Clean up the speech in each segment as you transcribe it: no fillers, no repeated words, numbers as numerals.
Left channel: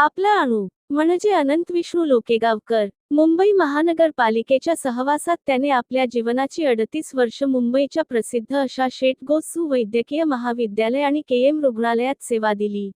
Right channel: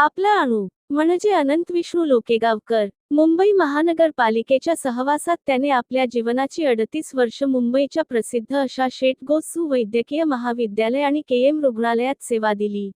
आपला अणू म्हणजे अनंत विष्णू लोकेगावकर. मुंबई महानगरपालिकेच्या सहवासात त्याने आपल्या जीवनाची 38 वर्ष मुंबईच्या प्रसिद्ध अशा शेठ गोस्सू वैद्यकीय महाविद्यालय आणि केएम रुग्णालयात सेवा दिली.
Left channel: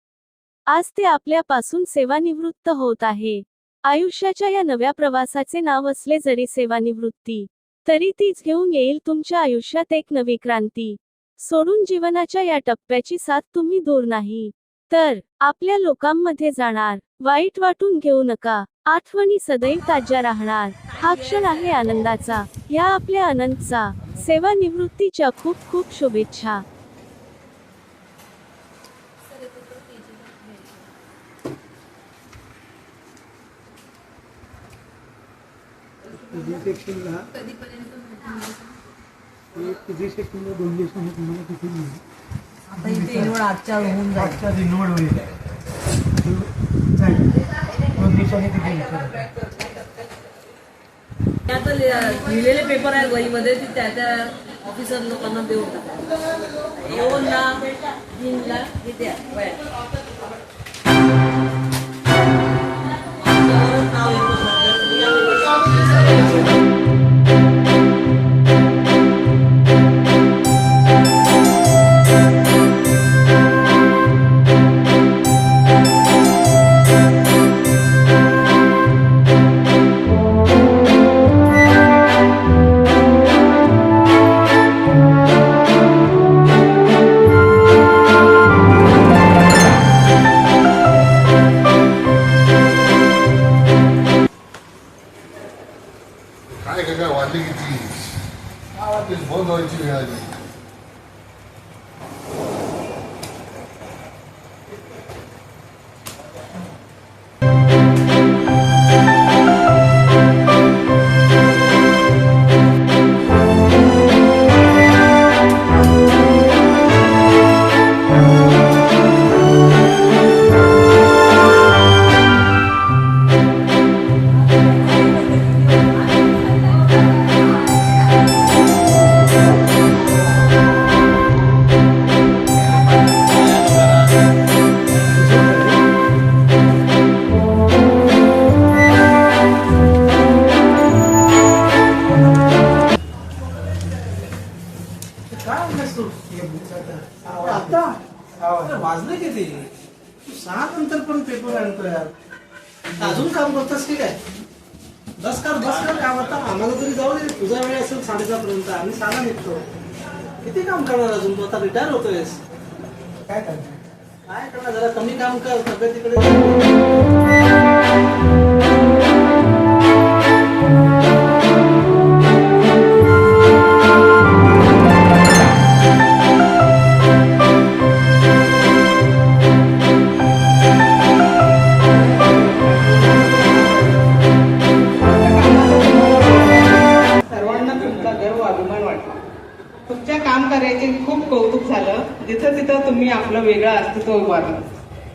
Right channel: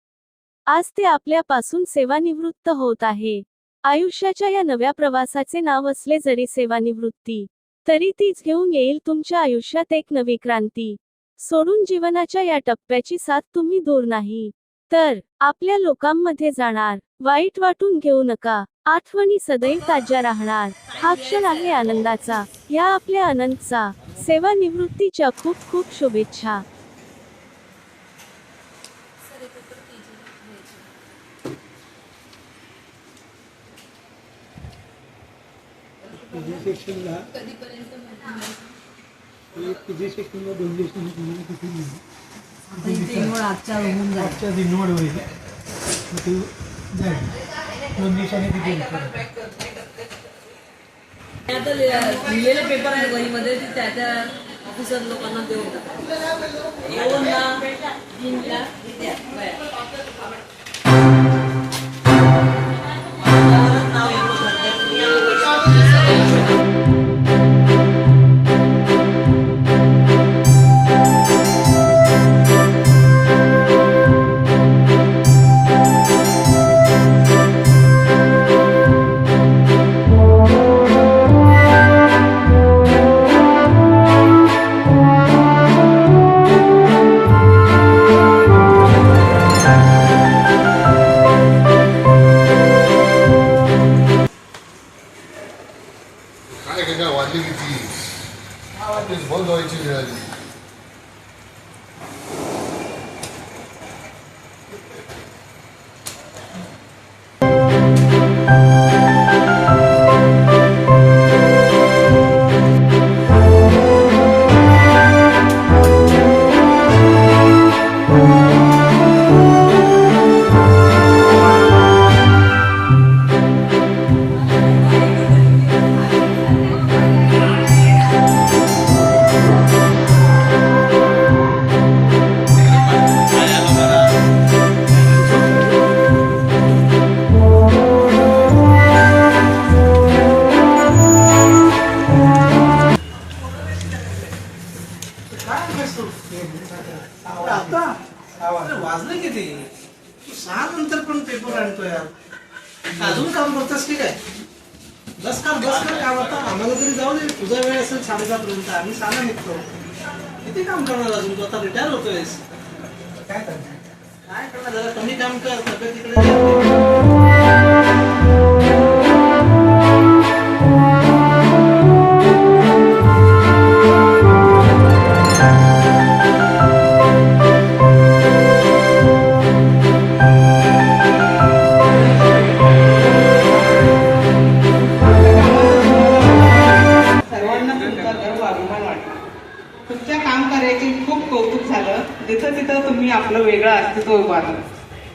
आज ते आपल्यापासून सेवानिवृत्त होत आहे. आयुष्याच्या या नव्या प्रवासाचे नाव असले जरी सेवानिवृत्ती, तरी तीच घेऊन येईल तुमच्या आयुष्यात एक नवी क्रांती. सोडून जीवनाच्या या टप्प्याची साथ तुम्ही दूर नाही तर आपल्या लोकांमध्ये जाणार. वाईट वाटून घेऊ नका, आठवणी सदैव ताज्या राहणार. हा क्षण आहे आनंदाचा, या आपल्या अनंतचा. सेवानिवृत्तीच्या खूप खूप शुभेच्छा. पीजी सेक्शनला पीजी सेक्शनला 2 दिवसांनी तुम्हाला किती मिळेल? आजच्या दिनवड होईल. जाईल 2 दिवसांनी किती आता लिहिलेले पेपर आहे गईमध्ये ते त्या ऑफिसर लोकांना देऊ. काय वाढली किती बंद व्हायची वेळ आली. आता वाजले किती? 6 नंतर पण पेपर आणतोय यार. अजून काम करतोस की काय? बस कर काम. आता आम्हाला तरी जाऊ दे, तुझा वेळ असेल 7:30 पर्यंत, आम्ही 6ला निघतो. किती काम करणार अजून? तू आता रिटायर होतोयस. काय करणार? जरा कमी काम कर, तब्येतीकडे. तुमच्या काम कार्याचे खूप कौतुक झालं. जिथं तिथं तुम्ही आपलं वेगळं अस्तित्व उभारलं.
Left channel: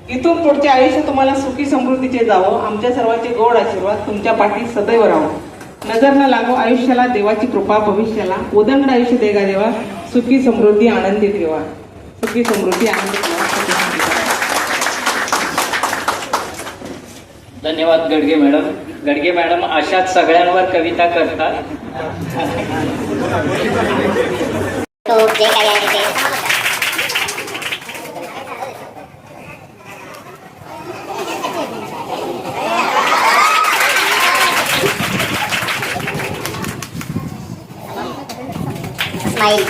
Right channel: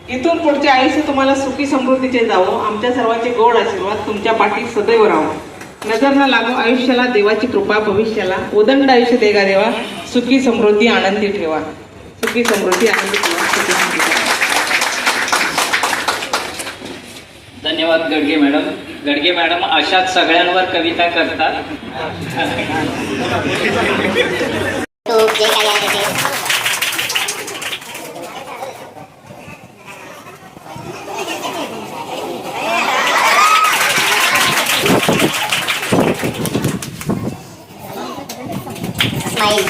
इथून पुढचे आयुष्य तुम्हाला सुखी समृद्धीचे जावं. आमच्या सर्वांचे गोड आशीर्वाद तुमच्या पाठी सदैव राहावं. नजर न लागो आयुष्याला देवाची कृपा, भविष्याला उदंड आयुष्य देगा देवा. सुखी समृद्धी आनंदी ठेवा. सुखी समृद्धी आनंदी ठेवा. धन्यवाद गडगे मॅडम. गडगे मॅडम अशाच सगळ्यांवर कविता करतात. स्माइल